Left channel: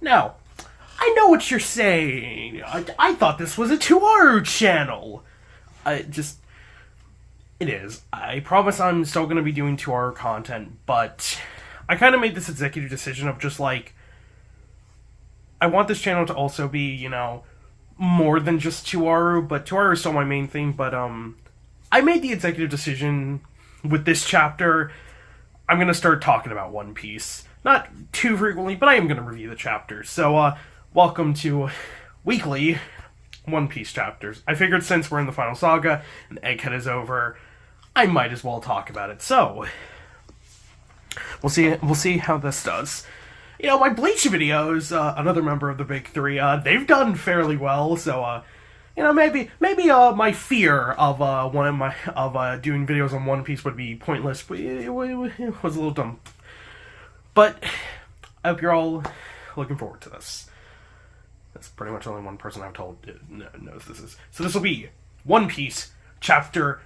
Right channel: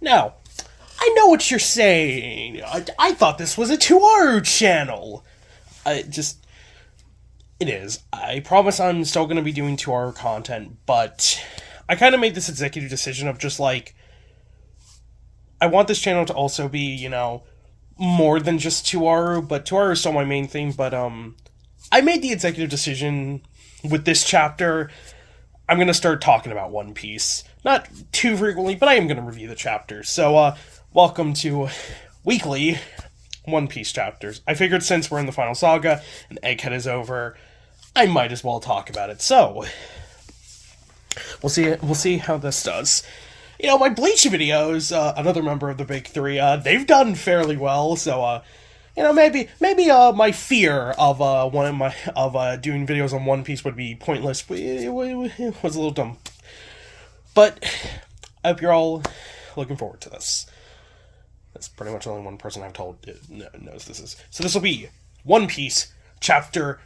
Now, I know what you're saying. I thought this was a Tuaru channel. It is. I promise I'm still going to be doing Tuaru content, but I kind of made this executive decision of just like, I want this channel to also be, more than just Tuaru, but Tuaru is still my main thing, but I made the executive decision with this chapter. I'm going to start talking about One Piece. Not too frequently, but I am going to review the chapters. So, welcome to weekly One Piece chapters. I figured since we're in the final saga and Egghead is over, I might as well talk about it. So, we'll see how this does. My Bleach videos, another member of the big three, they've done fairly well, so, maybe my fear of doing videos on One Piece would be pointless. It was a little dumb. But I hope you're all looking forward to this. That's pretty much only one person I've told knows this is. So this will be One Piece, chapter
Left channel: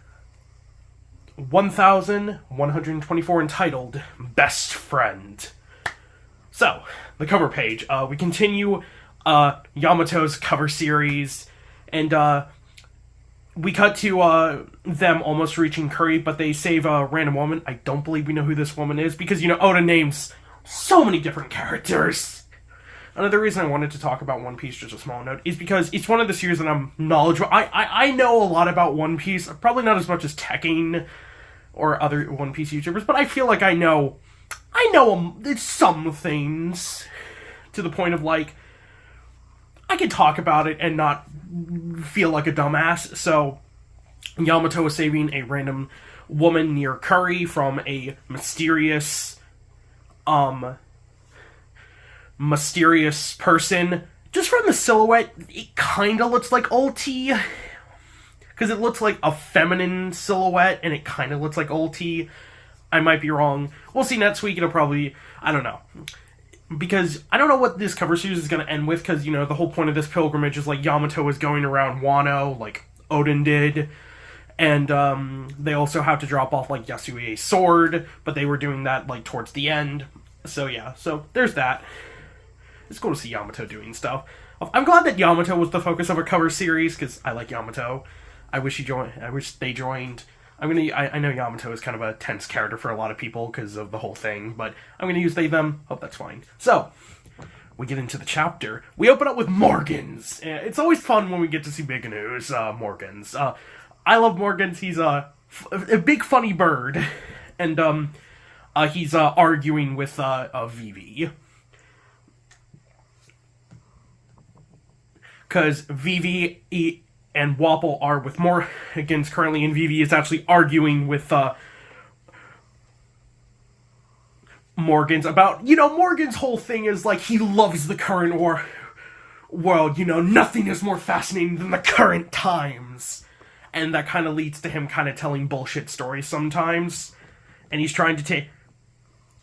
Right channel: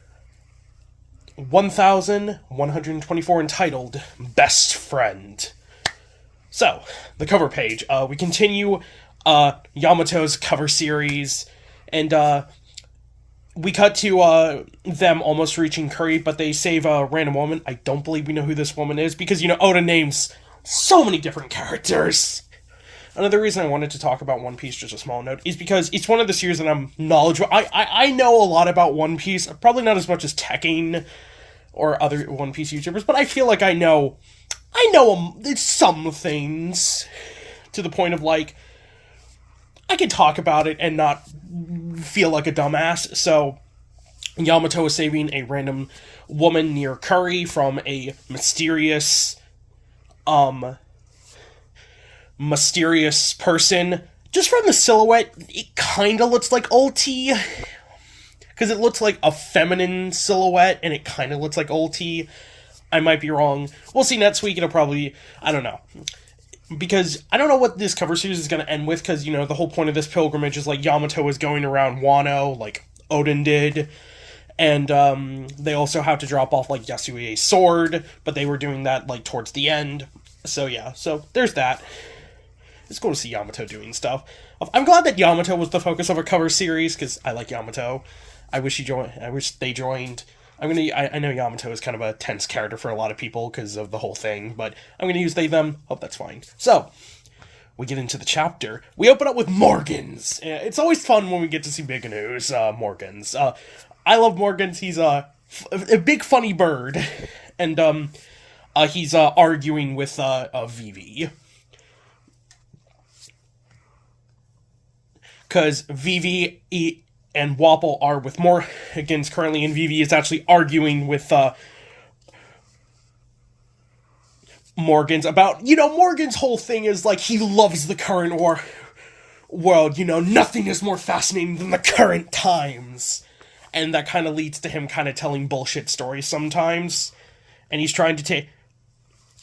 1124, entitled Best Friend. So, the cover page. We continue Yamato's cover series, and we cut to them almost reaching Curry, but they save a random woman. I don't believe we know who this woman is, because, Oda names so many different characters. Another reason I wanted to talk about One Piece, just a small note, is because it's one of the series that I'm knowledgeable. I know a lot about One Piece, probably not as much as Tekking or other One Piece YouTubers, but I feel like I know some things, to the point of, like, I can talk about it and not feel like a dumbass. So, Yamato is saving a random woman near Curry from a mysterious person. Just from the silhouette, it kind of looks like Ulti, because it looks like a feminine silhouette, and it kind of looks like Ulti. I might be wrong. We'll see next week. It'll probably, I don't know. Because I don't know what this cover series is going to end with, because, the whole point of this pilgrimage is, like, Yamato is going around Wano, like Odin did. And, they also have to drop off, like, Yasuie's sword, but they were doing that, like, towards the end. So, yeah. So, there's that. It's cool to see Yamato doing stuff. I'm glad that Yamato was the focus of a cover series, because I like Yamato. I wish they joined. I know Yamato is kind of a tense character for a lot of people because of the whole thing, but I'm going to use they, them. Hope that's fine. So, we get into the chapter. We open up with Morgans. It's always fun when we get to see big news, Morgans. I love Morgans. He's a big funny bird, and he's arguing with Vivi. Because Vivi and Wapol are with Morgans currently, and Vivi is actually arguing with Morgans about, Morgan's whole thing is, like, he loves the current world, nothing is more fascinating than the current times. And that kind of leads to him kind of telling bullshit stories sometimes. And he's trying to take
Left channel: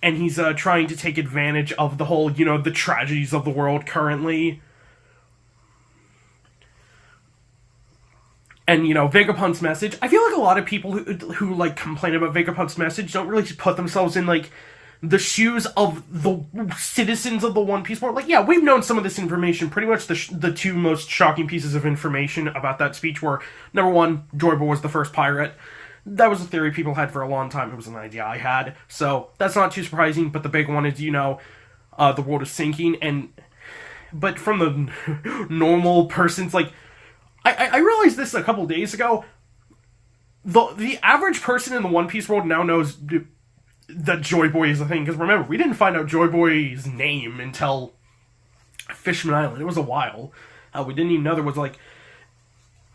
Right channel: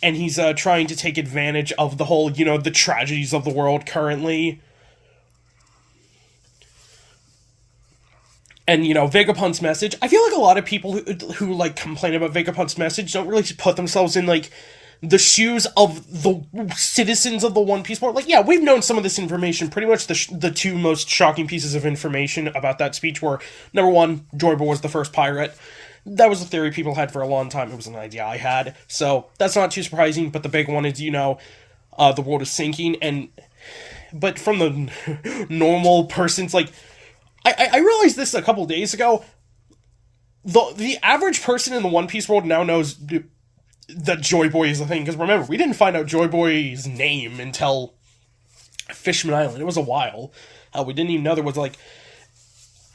advantage of the whole, the tragedies of the world currently. And, Vegapunk's message, I feel like a lot of people who like, complain about Vegapunk's message don't really put themselves in, like, the shoes of the citizens of the One Piece world. Like, yeah, we've known some of this information. Pretty much the two most shocking pieces of information about that speech were, number one, Joy Boy was the first pirate. That was a theory people had for a long time. It was an idea I had. So, that's not too surprising, but the big one is, the world is sinking, but from the normal person's, like, I realized this a couple days ago. The average person in the One Piece world now knows that Joy Boy is a thing. Because remember, we didn't find out Joy Boy's name until Fishman Island. It was a while. We didn't even know there was, like,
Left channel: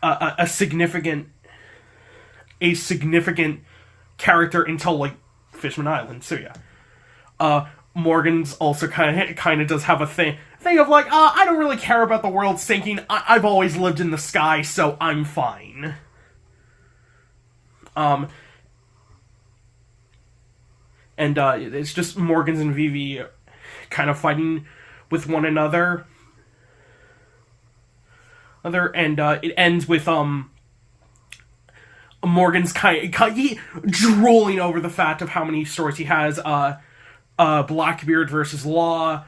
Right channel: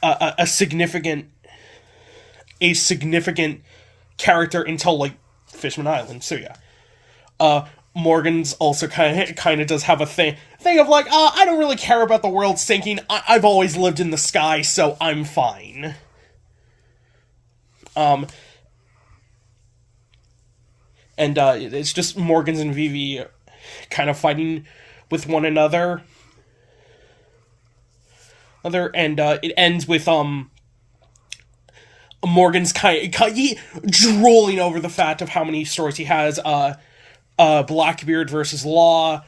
a significant character until, like, Fishman Island. So yeah. Morgan's also kind of does have a thing of, like, I don't really care about the world sinking. I've always lived in the sky, so I'm fine. And it's just Morgans and Vivi kind of fighting with one another. And it ends with Morgan's kind of drooling over the fact of how many stories he has. Blackbeard versus Law,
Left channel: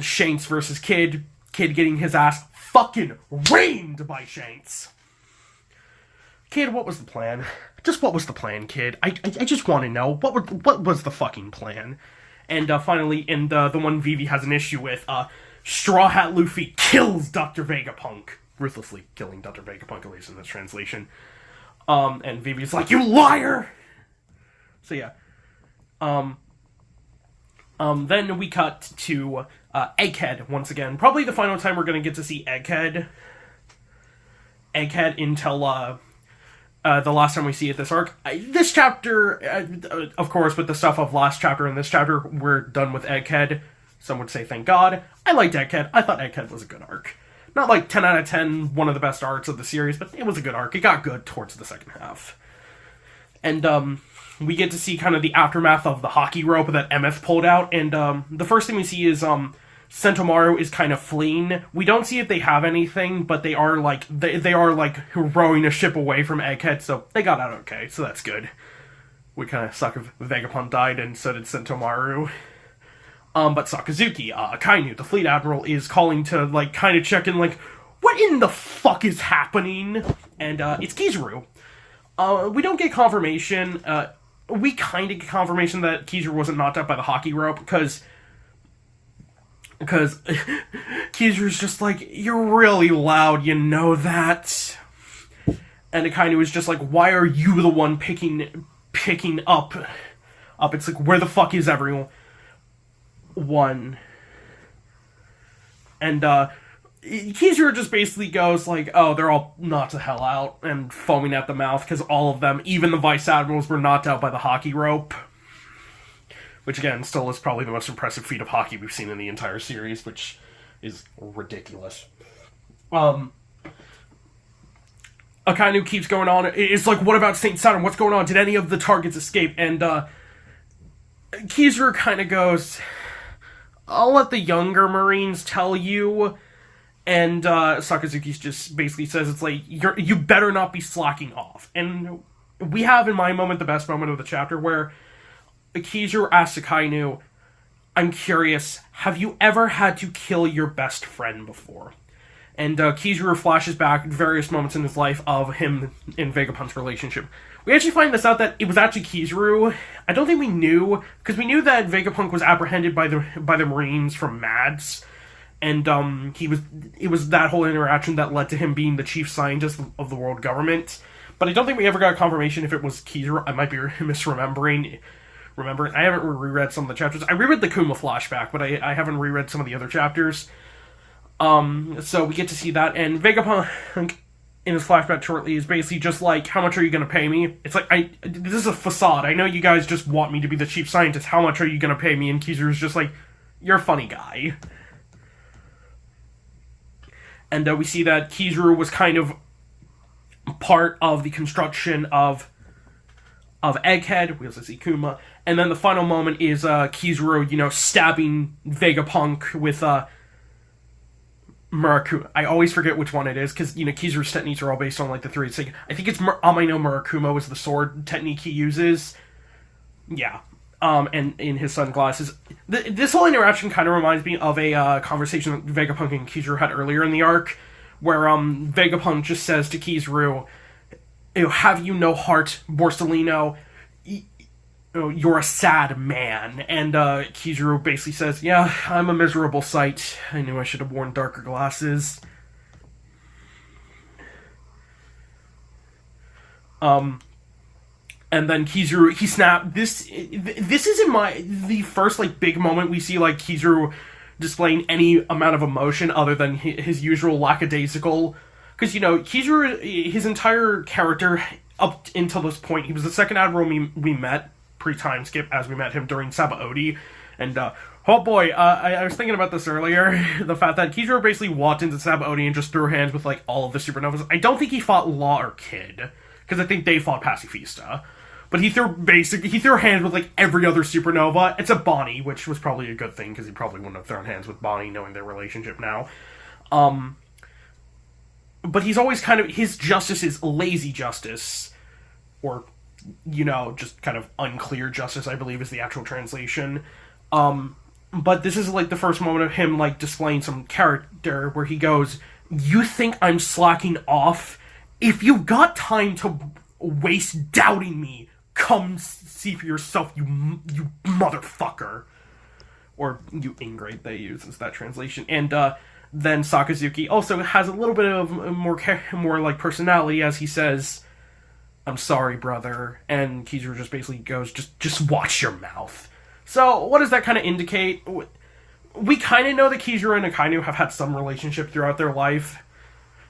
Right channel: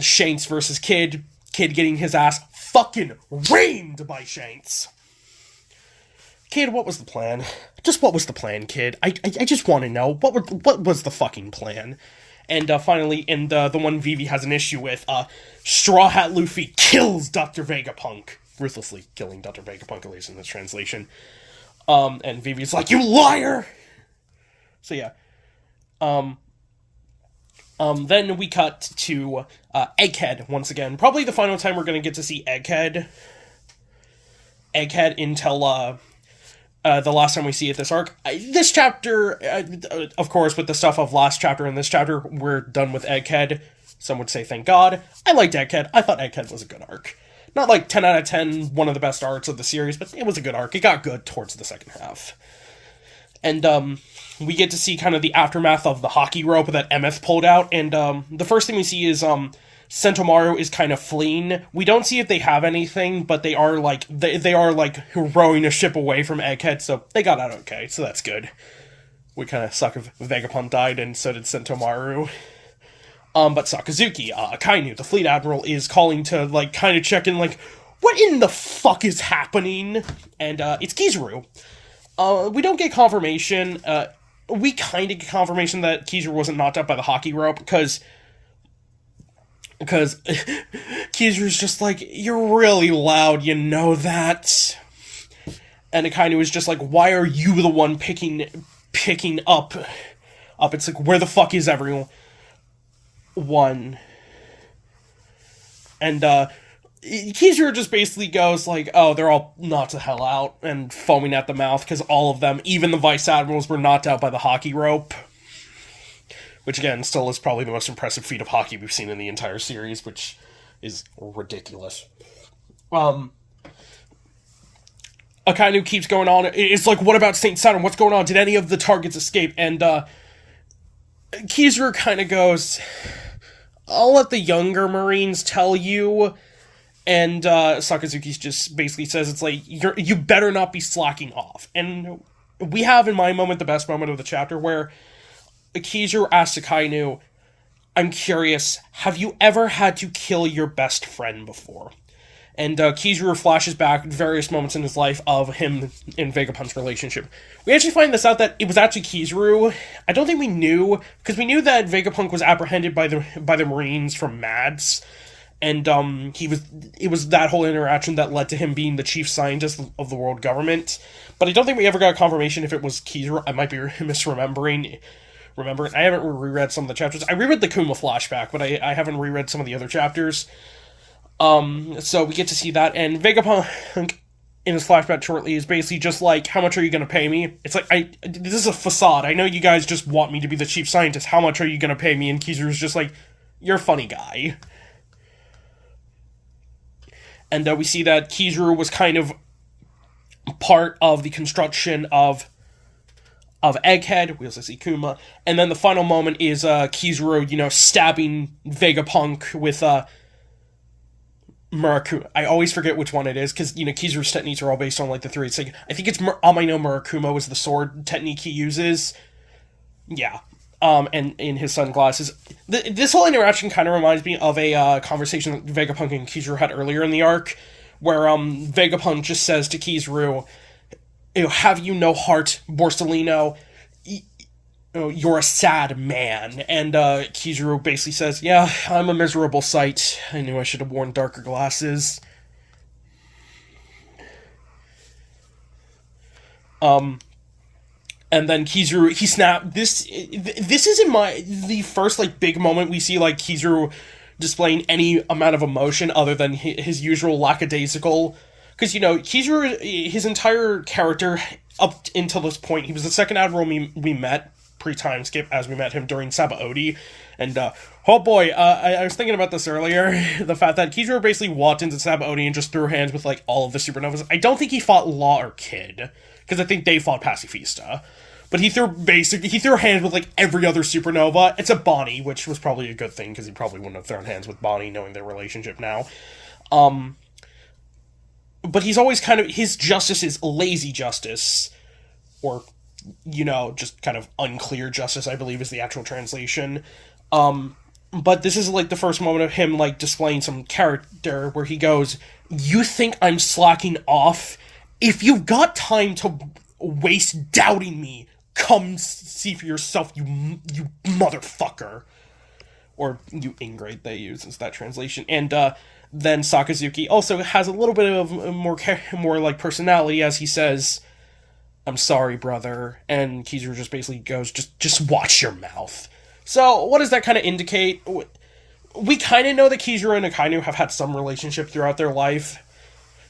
Shanks versus Kid. Kid getting his ass fucking rained by Shanks. Kid, what was the plan? Just what was the plan, Kid? I just want to know. What was the fucking plan? And finally, in the one Vivi has an issue with, Straw Hat Luffy kills Dr. Vegapunk. Ruthlessly killing Dr. Vegapunk, at least in this translation. And Vivi's like, you liar! So yeah. Then we cut to Egghead once again. Probably the final time we're going to get to see Egghead. Egghead until the last time we see it this arc. This chapter, of course, with the stuff of last chapter and this chapter, we're done with Egghead. Some would say thank God. I liked Egghead. I thought Egghead was a good arc. Not like 10 out of 10, one of the best arcs of the series, but it was a good arc. It got good towards the second half. And we get to see kind of the aftermath of the hockey rope that Emeth pulled out. And the first thing we see is Sentomaru is kind of fleeing. We don't see if they have anything, but they are like they are like rowing a ship away from Egghead, so they got out okay. So that's good. We kind of suck if Vegapunk died, and so did Sentomaru. But Sakazuki, Akainu, the fleet admiral, is calling to like kind of check in, like, what in the fuck is happening? And it's Kizaru. We don't get confirmation. We kind of get confirmation that Kizaru wasn't knocked out by the hockey rope, because Kizaru's just like, you're really loud, you know that? And Akainu is just like, why are you the one picking up? It's like, where the fuck is everyone? And Kizaru just basically goes like, oh, they're all knocked the hell out, and foaming at the mouth, because all of them, even the vice admirals, were knocked out by the hockey rope. Which, again, still is probably the most impressive feat of hockey we've seen in the entire series, which is ridiculous. Akainu keeps going on. It's like, what about St. Saturn? What's going on? Did any of the targets escape? And Kizaru kind of goes, I'll let the younger Marines tell you. And Sakazuki just basically says, it's like, you better not be slacking off. And we have, in my moment, the best moment of the chapter, where Kizaru asks Akainu, I'm curious, have you ever had to kill your best friend before? And Kizaru flashes back various moments in his life of him and Vegapunk's relationship. We actually find this out that it was actually Kizaru. I don't think we knew, because we knew that Vegapunk was apprehended by the Marines from Mads, and it was that whole interaction that led to him being the chief scientist of the world government. But I don't think we ever got confirmation if it was Kizaru. I might be misremembering. I haven't reread some of the chapters. I reread the Kuma flashback, but I haven't reread some of the other chapters. So we get to see that, and Vegapunk in his flashback shortly is basically just like, how much are you going to pay me? It's like, this is a facade. I know you guys just want me to be the chief scientist. How much are you going to pay me? And Kizaru's just like, you're a funny guy. And we see that Kizaru was kind of part of the construction of Egghead. We also see Kuma. And then the final moment is Kizaru, stabbing Vegapunk with Murakuma. I always forget which one it is, because, Kizaru's techniques are all based on, like, the three. It's like, I think it's Amaino Murakuma was the sword technique he uses. Yeah. And in his sunglasses. This whole interaction kind of reminds me of a conversation that Vegapunk and Kizaru had earlier in the arc, where Vegapunk just says to Kizaru, have you no heart, Borsellino? You're a sad man. And Kizaru basically says, yeah, I'm a miserable sight. I knew I should have worn darker glasses. And then Kizaru, he snapped. This isn't the first, like, big moment we see, like, Kizaru displaying any amount of emotion other than his usual lackadaisical. Because, Kizaru, his entire character up until this point, he was the second admiral we met pre-time skip, as we met him during Sabaody. And, oh boy, I was thinking about this earlier, the fact that Kizaru basically walked into Sabaody and just threw hands with, like, all of the supernovas. I don't think he fought Law or Kid, because I think they fought Pacifista. But he threw hands with, like, every other supernova, except Bonnie, which was probably a good thing, because he probably wouldn't have thrown hands with Bonnie, knowing their relationship now. But he's always kind of, his justice is lazy justice, or, just kind of unclear justice, I believe is the actual translation. But this is like the first moment of him like displaying some character where he goes, "You think I'm slacking off? If you've got time to waste doubting me, come see for yourself, you motherfucker." Or you ingrate, they use as that translation. And then Sakazuki also has a little bit of more like personality as he says, "I'm sorry, brother." And Kizuru just basically goes, just watch your mouth. So what does that kind of indicate? We kind of know that Kizuru and Akainu have had some relationship throughout their life.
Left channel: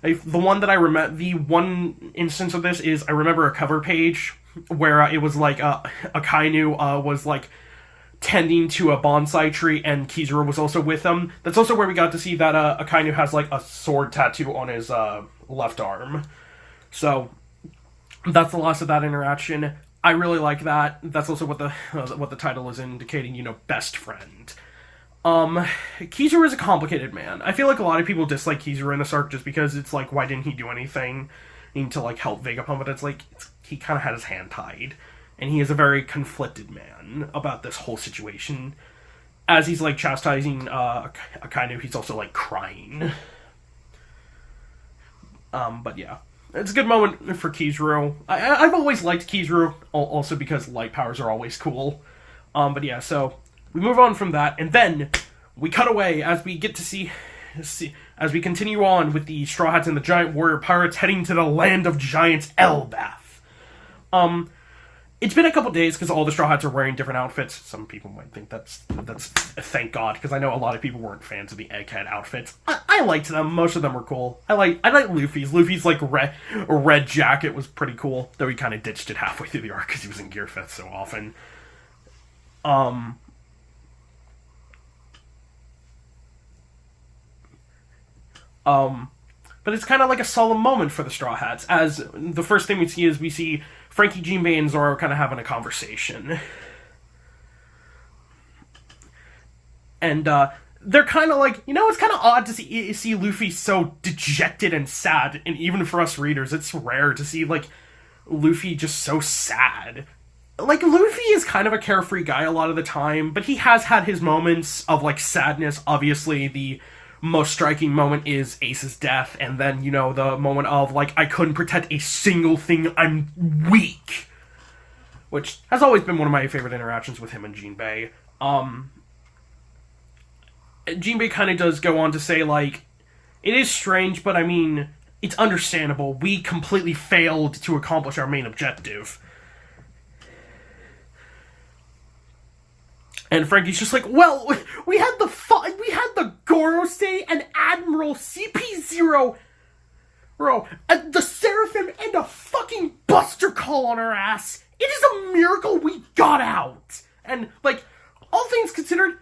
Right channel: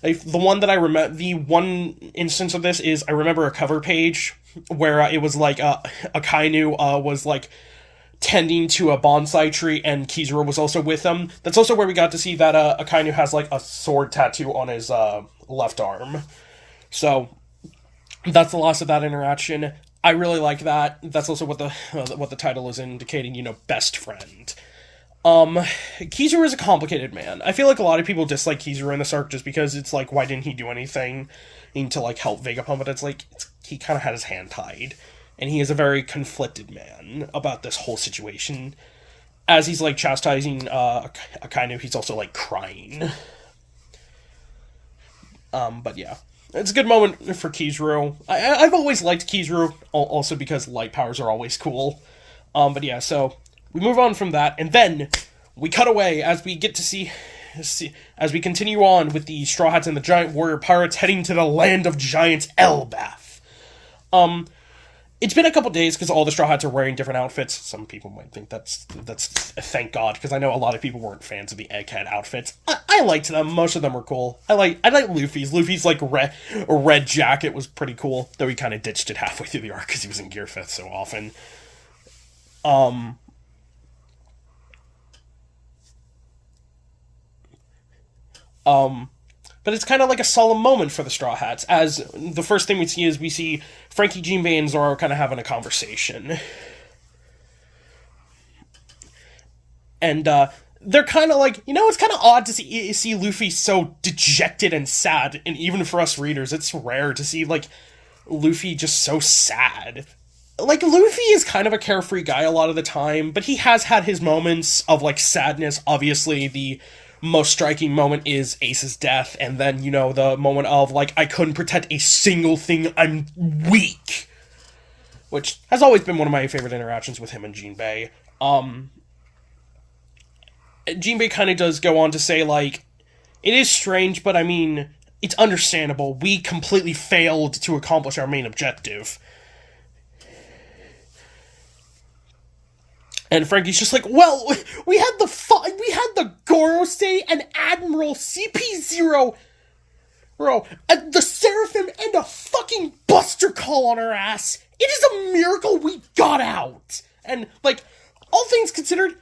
The one that I remember, the one instance of this is I remember a cover page where it was like Akainu was like tending to a bonsai tree and Kizuru was also with him. That's also where we got to see that Akainu has like a sword tattoo on his left arm. So that's the last of that interaction. I really like that. That's also what the title is indicating, best friend. Kizuru is a complicated man. I feel like a lot of people dislike Kizuru in this arc just because it's like, why didn't he do anything to like help Vegapunk? But it's like, he kind of had his hand tied. And he is a very conflicted man about this whole situation. As he's like chastising Akainu, he's also like crying. But yeah. It's a good moment for Kizuru. I've always liked Kizuru, also because light powers are always cool. But yeah, so we move on from that, and then we cut away as we get to see as we continue on with the Straw Hats and the Giant Warrior Pirates heading to the land of giants, Elbaf. It's been a couple days because all the Straw Hats are wearing different outfits. Some people might think that's thank God, because I know a lot of people weren't fans of the Egghead outfits. I liked them. Most of them were cool. I like Luffy's. Luffy's like red jacket was pretty cool, though he kind of ditched it halfway through the arc because he was in Gear 5th so often. But it's kind of like a solemn moment for the Straw Hats, as the first thing we see Frankie, Jinbei, and Zoro kind of having a conversation. And they're kind of like, it's kind of odd to see Luffy so dejected and sad, and even for us readers, it's rare to see, like, Luffy just so sad. Like, Luffy is kind of a carefree guy a lot of the time, but he has had his moments of, like, sadness. Obviously, the most striking moment is Ace's death, and then, the moment of, like, I couldn't protect a single thing, I'm weak. Which has always been one of my favorite interactions with him and Jinbei. Jinbei kind of does go on to say, like, it is strange, but I mean, it's understandable. We completely failed to accomplish our main objective. And Frankie's just like, well, we had the Gorosei and Admiral CP0, and the Seraphim and a fucking Buster Call on our ass. It is a miracle we got out. And, like, all things considered,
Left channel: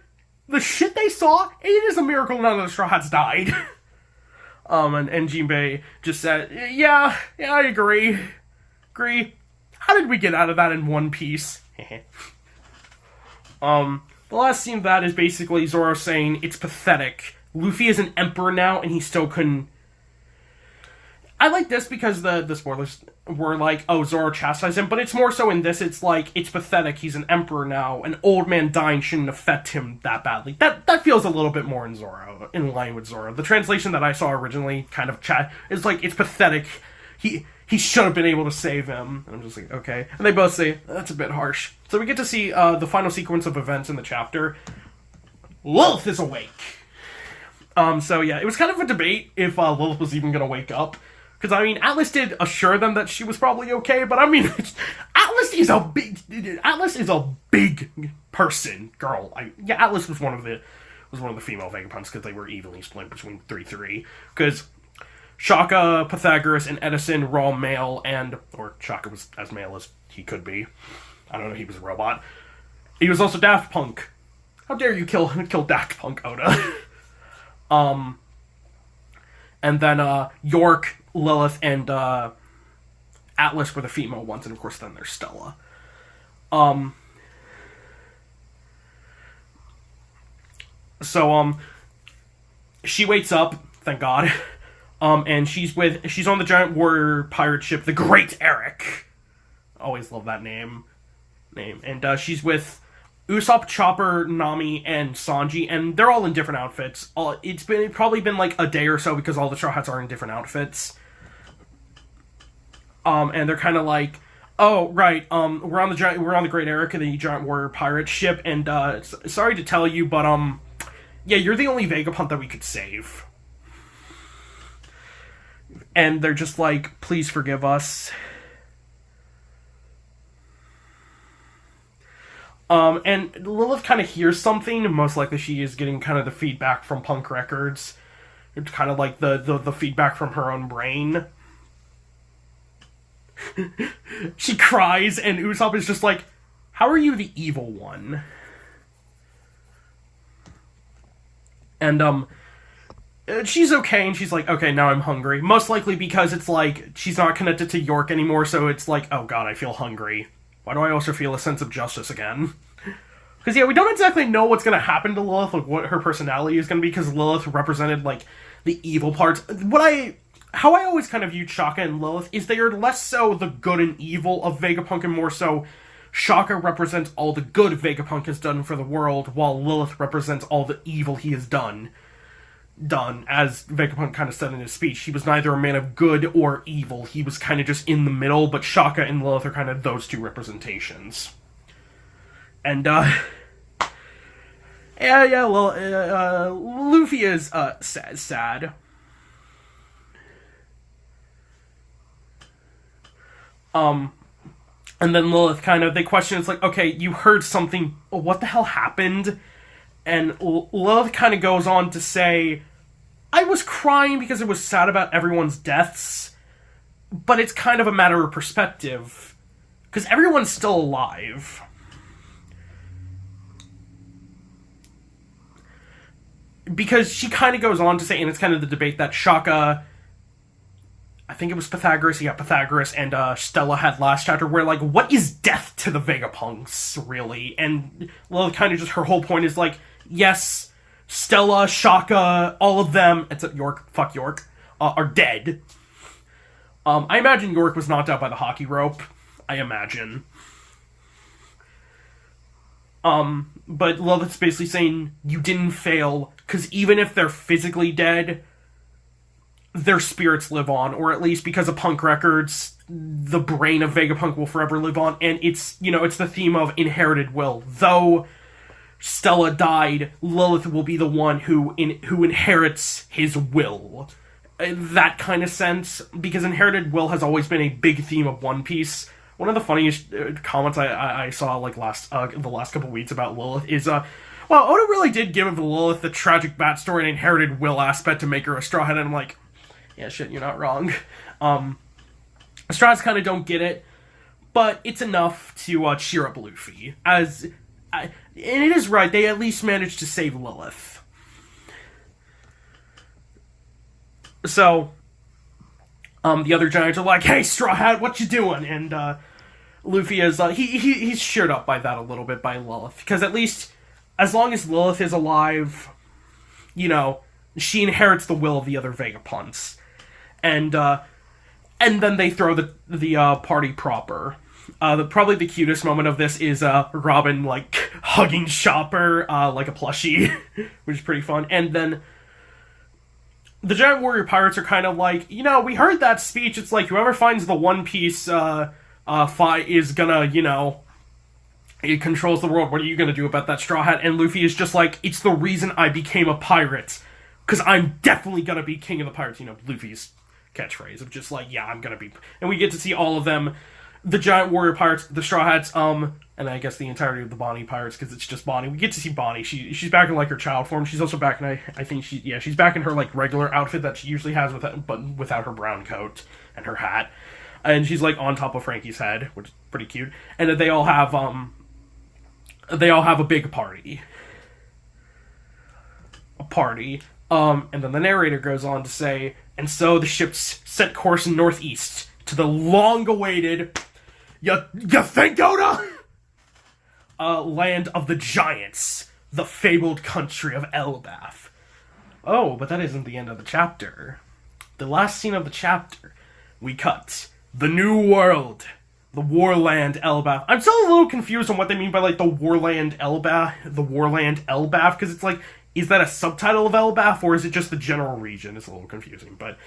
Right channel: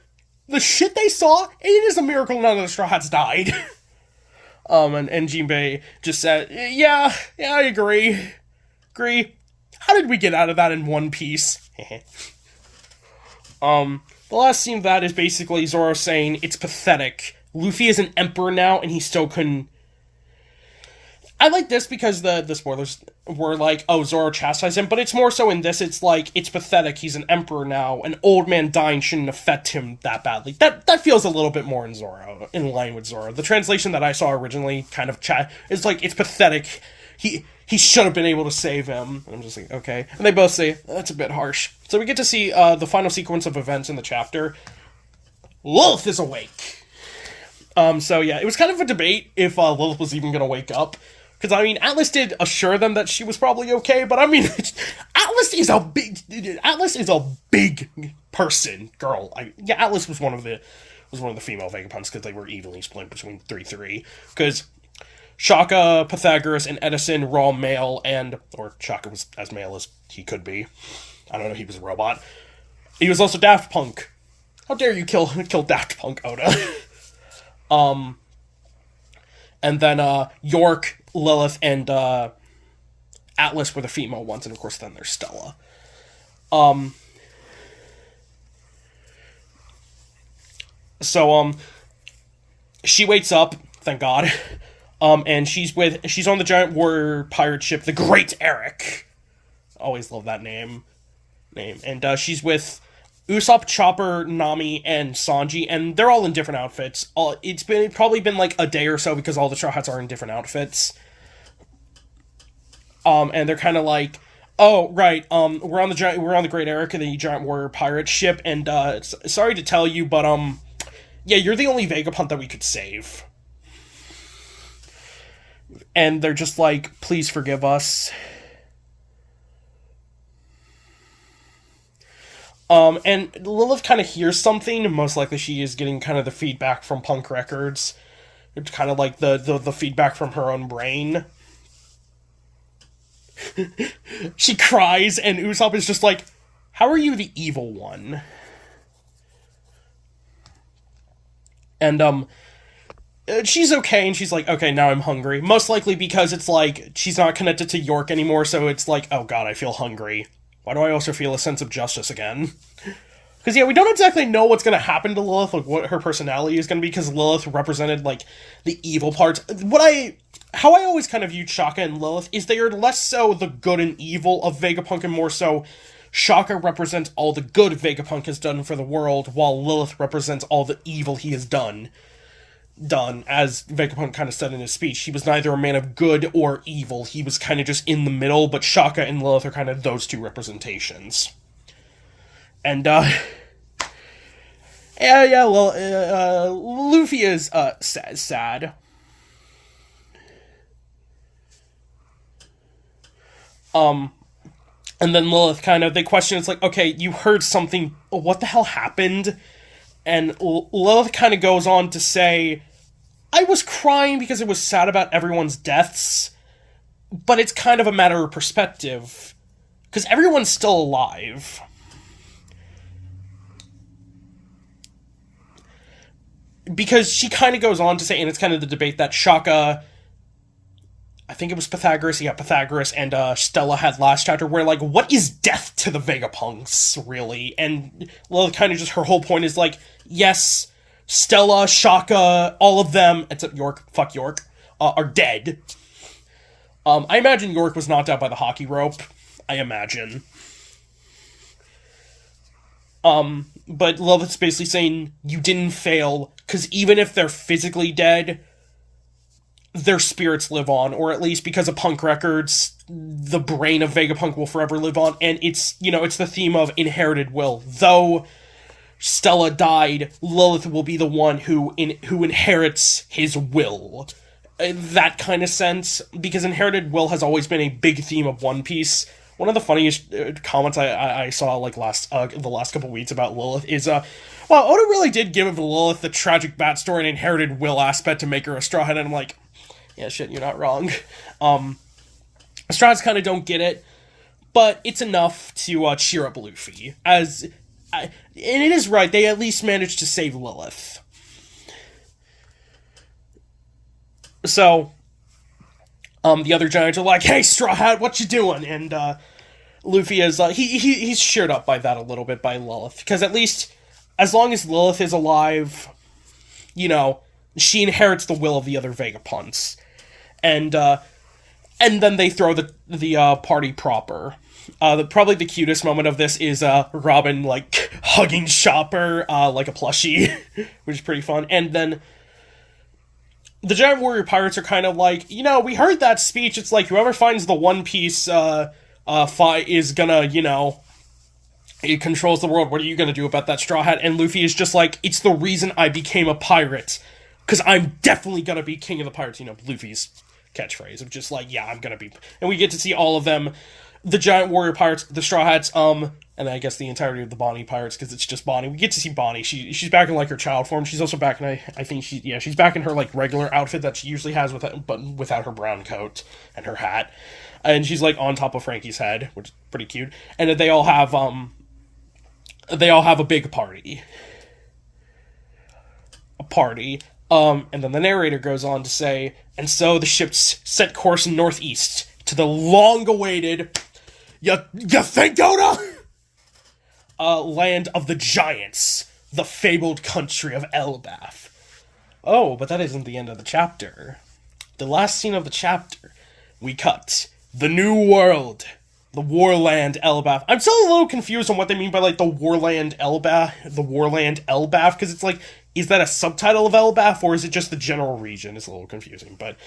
the shit they saw, it is a miracle none of the Straw Hats died. And Jinbei just said, yeah, I agree. How did we get out of that in one piece? The last scene of that is basically Zoro saying, it's pathetic. Luffy is an emperor now, and he still couldn't... I like this because the spoilers were like, oh, Zoro chastised him, but it's more so in this, it's like, it's pathetic, he's an emperor now, an old man dying shouldn't affect him that badly. That feels a little bit more in line with Zoro. The translation that I saw originally kind of is like, it's pathetic, he should have been able to save him. And I'm just like, okay. And they both say, that's a bit harsh. So we get to see the final sequence of events in the chapter. Lilith is awake. So yeah, it was kind of a debate if Lilith was even going to wake up. Because, I mean, Atlas did assure them that she was probably okay, but I mean, Atlas is a big person, girl. Atlas was one of the female Vegapunks because they were evenly split between 3-3. Because Shaka, Pythagoras, and Edison were all male, or Shaka was as male as he could be. I don't know, he was a robot. He was also Daft Punk. How dare you kill Daft Punk, Oda? And then York, Lilith, and Atlas were the female ones, and of course then there's Stella. So she wakes up, thank God. And she's on the giant warrior pirate ship, the Great Eric. Always love that name. And she's with Usopp, Chopper, Nami, and Sanji, and they're all in different outfits. It's probably been like a day or so because all the Straw Hats are in different outfits. And they're kind of like, oh right, we're on the Great Erica, the giant warrior pirate ship, and sorry to tell you, but yeah, you're the only Vegapunk that we could save. And they're just like, please forgive us. And Lilith kind of hears something. Most likely she is getting kind of the feedback from Punk Records. It's kind of like the feedback from her own brain. She cries, and Usopp is just like, how are you the evil one? And, she's okay, and she's like, okay, now I'm hungry. Most likely because it's like, she's not connected to York anymore, so it's like, oh god, I feel hungry. Why do I also feel a sense of justice again? Because, yeah, we don't exactly know what's going to happen to Lilith, like, what her personality is going to be, because Lilith represented, like, the evil parts. How I always kind of viewed Shaka and Lilith is they are less so the good and evil of Vegapunk, and more so Shaka represents all the good Vegapunk has done for the world, while Lilith represents all the evil he has done. As Vegapunk kind of said in his speech, he was neither a man of good or evil. He was kind of just in the middle, but Shaka and Lilith are kind of those two representations. And, yeah, well, Luffy is, sad. And then Lilith they question, it's like, okay, you heard something, what the hell happened? And Lilith kind of goes on to say, I was crying because I was sad about everyone's deaths, but it's kind of a matter of perspective, because everyone's still alive. Because she kind of goes on to say, and it's kind of the debate that Shaka, I think it was Pythagoras and Stella had last chapter, where, like, what is death to the Vegapunks, really? And, well, kind of just her whole point is, like, yes, Stella, Shaka, all of them, except York, fuck York, are dead. I imagine York was knocked out by the hockey rope. I imagine. But Lilith's basically saying, you didn't fail, because even if they're physically dead, their spirits live on, or at least because of Punk Records, the brain of Vegapunk will forever live on, and it's, it's the theme of inherited will. Though Stella died, Lilith will be the one who inherits his will. That kind of sense, because inherited will has always been a big theme of One Piece. One of the funniest comments I saw, like, the last couple weeks about Lilith is, well, Oda really did give Lilith the tragic backstory and inherited will aspect to make her a Straw Hat, and I'm like, yeah, shit, you're not wrong. Straw Hats kind of don't get it, but it's enough to cheer up Luffy. And it is right, they at least managed to save Lilith. So, the other giants are like, hey, Straw Hat, what you doing? And Luffy is, he's cheered up by that a little bit by Lilith. Because at least, as long as Lilith is alive, she inherits the will of the other Vegapunks. And then they throw the party proper. Probably the cutest moment of this is Robin, like, hugging Chopper like a plushie, which is pretty fun. And then the Giant Warrior Pirates are kind of like, we heard that speech. It's like, whoever finds the One Piece fight is gonna, it controls the world. What are you gonna do about that, Straw Hat? And Luffy is just like, it's the reason I became a pirate. Because I'm definitely gonna be king of the pirates. Luffy's catchphrase of just like, yeah, I'm gonna be. And we get to see all of them. The Giant Warrior Pirates, the Straw Hats, and I guess the entirety of the Bonnie Pirates, because it's just Bonnie. We get to see Bonnie. She's back in, like, her child form. She's also back in, I think she's back in her, like, regular outfit that she usually has, but without her brown coat and her hat. And she's, like, on top of Frankie's head, which is pretty cute. And they all have a big party. And then the narrator goes on to say, and so the ships set course northeast to the long-awaited, you think, Oda? Land of the giants, the fabled country of Elbaf. Oh, but that isn't the end of the chapter. The last scene of the chapter, we cut. The New World. The Warland Elbaf. I'm still a little confused on what they mean by, like, the Warland Elbaf, because it's like, is that a subtitle of Elbaf, or is it just the general region? It's a little confusing, but,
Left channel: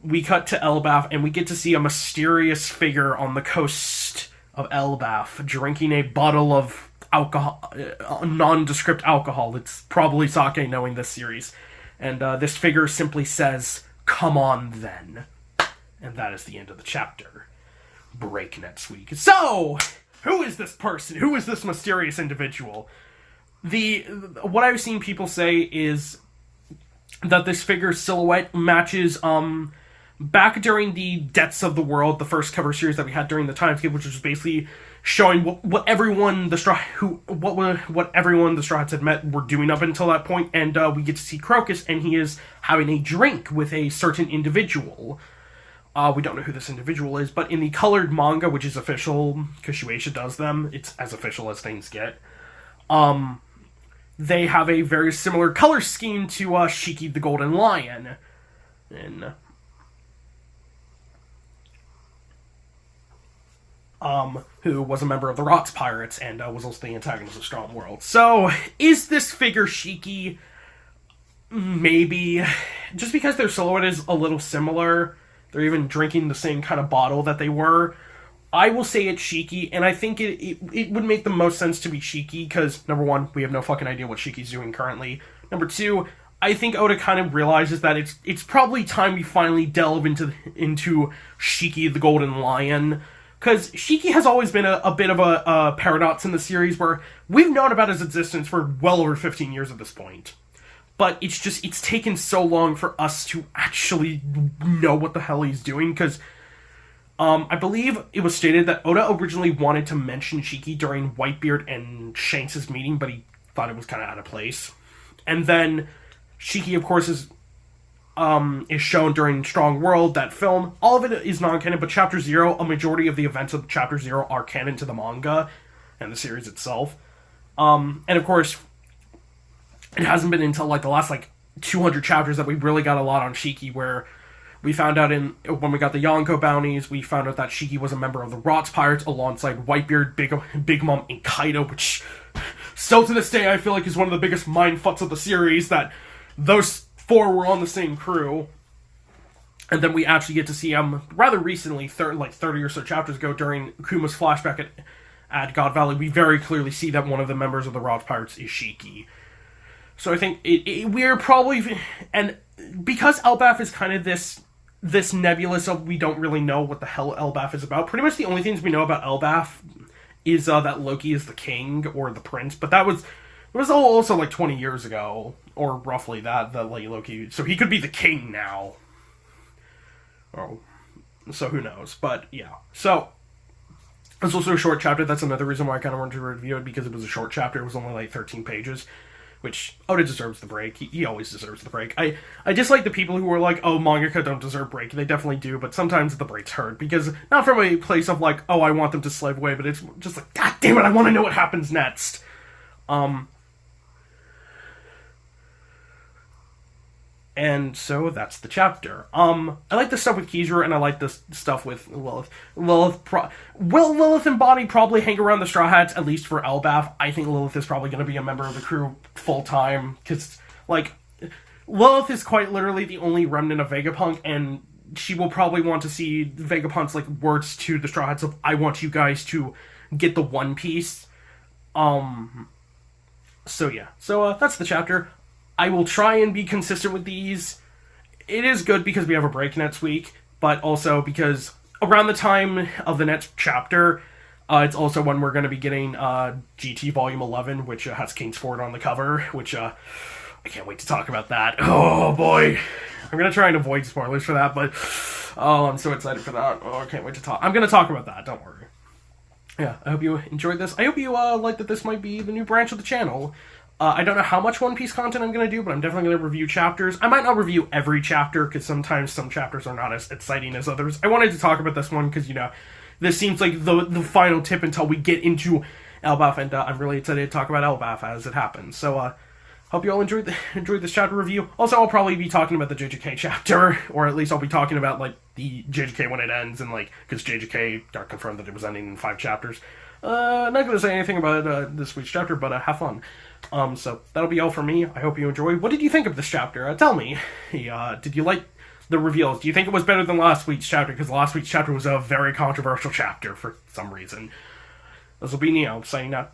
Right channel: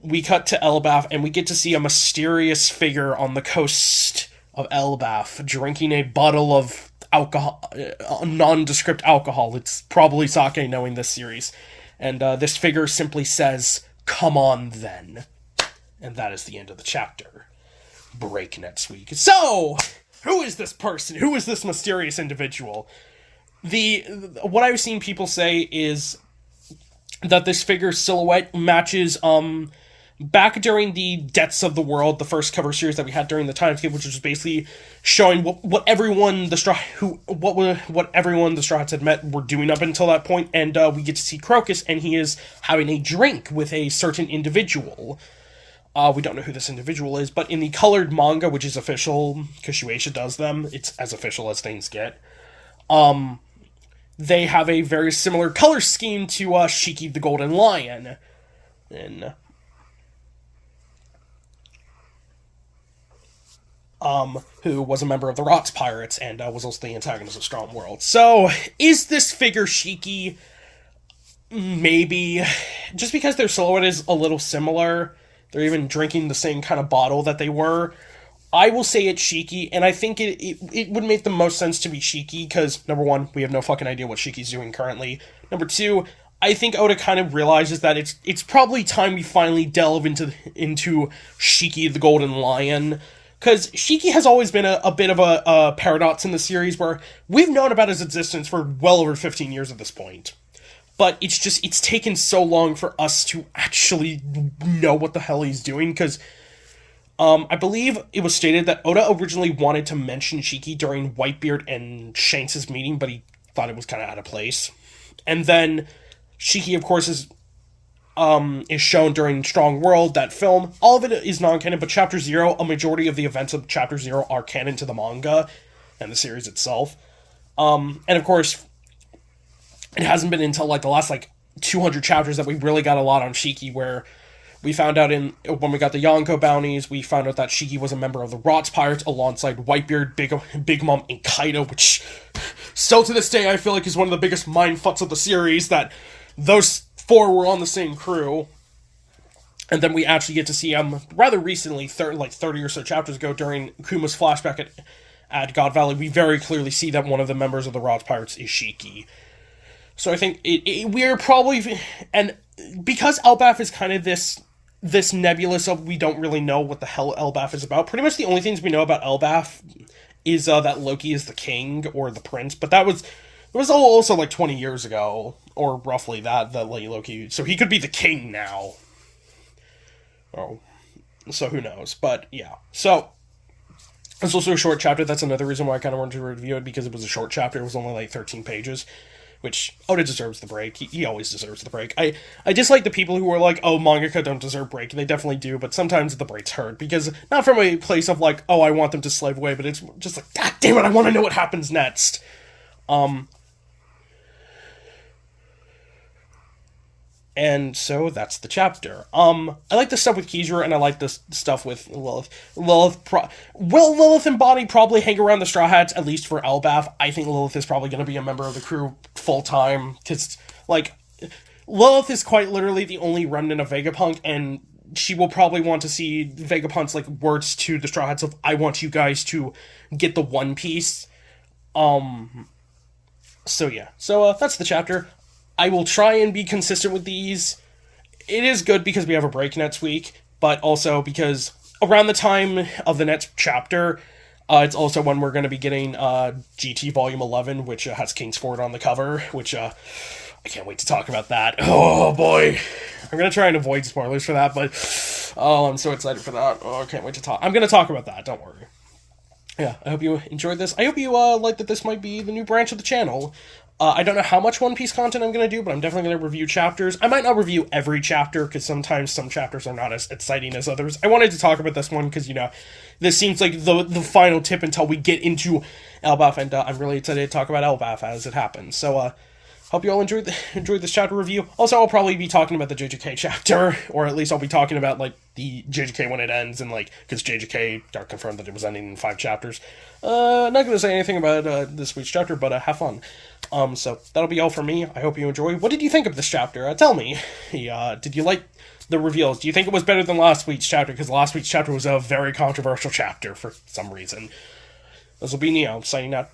we cut to Elbaf, and we get to see a mysterious figure on the coast of Elbaf, drinking a bottle of alcohol, nondescript alcohol. It's probably sake, knowing this series. And this figure simply says, "Come on, then." And that is the end of the chapter. Break next week. So, who is this person? Who is this mysterious individual? What I've seen people say is that this figure's silhouette matches, back during the Debts of the World, the first cover series that we had during the time skip, which was basically showing what everyone the Straw Hats had met were doing up until that point, and we get to see Crocus, and he is having a drink with a certain individual. We don't know who this individual is, but in the colored manga, which is official, because Shueisha does them, it's as official as things get, they have a very similar color scheme to Shiki the Golden Lion. And who was a member of the Rocks Pirates and was also the antagonist of Strong World. So, is this figure Shiki? Maybe. Just because their silhouette is a little similar, they're even drinking the same kind of bottle that they were, I will say it's Shiki, and I think it would make the most sense to be Shiki, because, number one, we have no fucking idea what Shiki's doing currently. Number two, I think Oda kind of realizes that it's probably time we finally delve into Shiki the Golden Lion, because Shiki has always been a bit of a paradox in the series, where we've known about his existence for well over 15 years at this point. But it's taken so long for us to actually know what the hell he's doing, because I believe it was stated that Oda originally wanted to mention Shiki during Whitebeard and Shanks' meeting, but he thought it was kind of out of place. And then Shiki, of course, is shown during Strong World, that film. All of it is non-canon, but Chapter 0, a majority of the events of Chapter 0 are canon to the manga and the series itself. And of course, it hasn't been until like the last 200 chapters that we really got a lot on Shiki, where we found out when we got the Yonko bounties, we found out that Shiki was a member of the Rocks Pirates alongside Whitebeard, Big Mom, and Kaido, which still to this day I feel like is one of the biggest mindfucks of the series, that those four were on the same crew. And then we actually get to see him rather recently, 30 or so chapters ago, during Kuma's flashback at God Valley. We very clearly see that one of the members of the Rocks Pirates is Shiki. So I think we're probably, and because Elbaf is kind of this nebulous of, we don't really know what the hell Elbaf is about. Pretty much the only things we know about Elbaf is that Loki is the king or the prince, but it was also 20 years ago, or roughly that Loki, so he could be the king now. Oh, so who knows? But yeah, so it's also a short chapter. That's another reason why I kind of wanted to review it, because it was a short chapter. It was only 13 pages. Which, Oda deserves the break. He always deserves the break. I dislike the people who are like, oh, mangaka don't deserve break. They definitely do, but sometimes the breaks hurt. Because, not from a place of oh, I want them to slave away, but it's just God damn it, I want to know what happens next. And so that's the chapter. I like the stuff with Kizaru, and I like the stuff with Lilith. Will Lilith and Bonnie probably hang around the Straw Hats, at least for Elbaf? I think Lilith is probably going to be a member of the crew full-time, because, Lilith is quite literally the only remnant of Vegapunk, and she will probably want to see Vegapunk's, words to the Straw Hats of, I want you guys to get the One Piece. So yeah. So, that's the chapter. I will try and be consistent with these. It is good because we have a break next week, but also because around the time of the next chapter, it's also when we're going to be getting GT Volume 11, which has Kingsford on the cover, which I can't wait to talk about that. Oh boy. I'm going to try and avoid spoilers for that, but I'm so excited for that. Oh, I can't wait to talk. I'm going to talk about that, don't worry. Yeah, I hope you enjoyed this. I hope you like that this might be the new branch of the channel. I don't know how much One Piece content I'm going to do, but I'm definitely going to review chapters. I might not review every chapter, because sometimes some chapters are not as exciting as others. I wanted to talk about this one, because, this seems like the final tip until we get into Elbaf, and I'm really excited to talk about Elbaf as it happens. So, hope you all enjoyed this chapter review. Also, I'll probably be talking about the JJK chapter, or at least I'll be talking about like the JJK when it ends, and like because JJK got confirmed that it was ending in 5 chapters. Not gonna say anything about this week's chapter, but have fun. So that'll be all for me. I hope you enjoy. What did you think of this chapter? Tell me. Did you like the reveals? Do you think it was better than last week's chapter? Because last week's chapter was a very controversial chapter for some reason. This will be Neo signing out.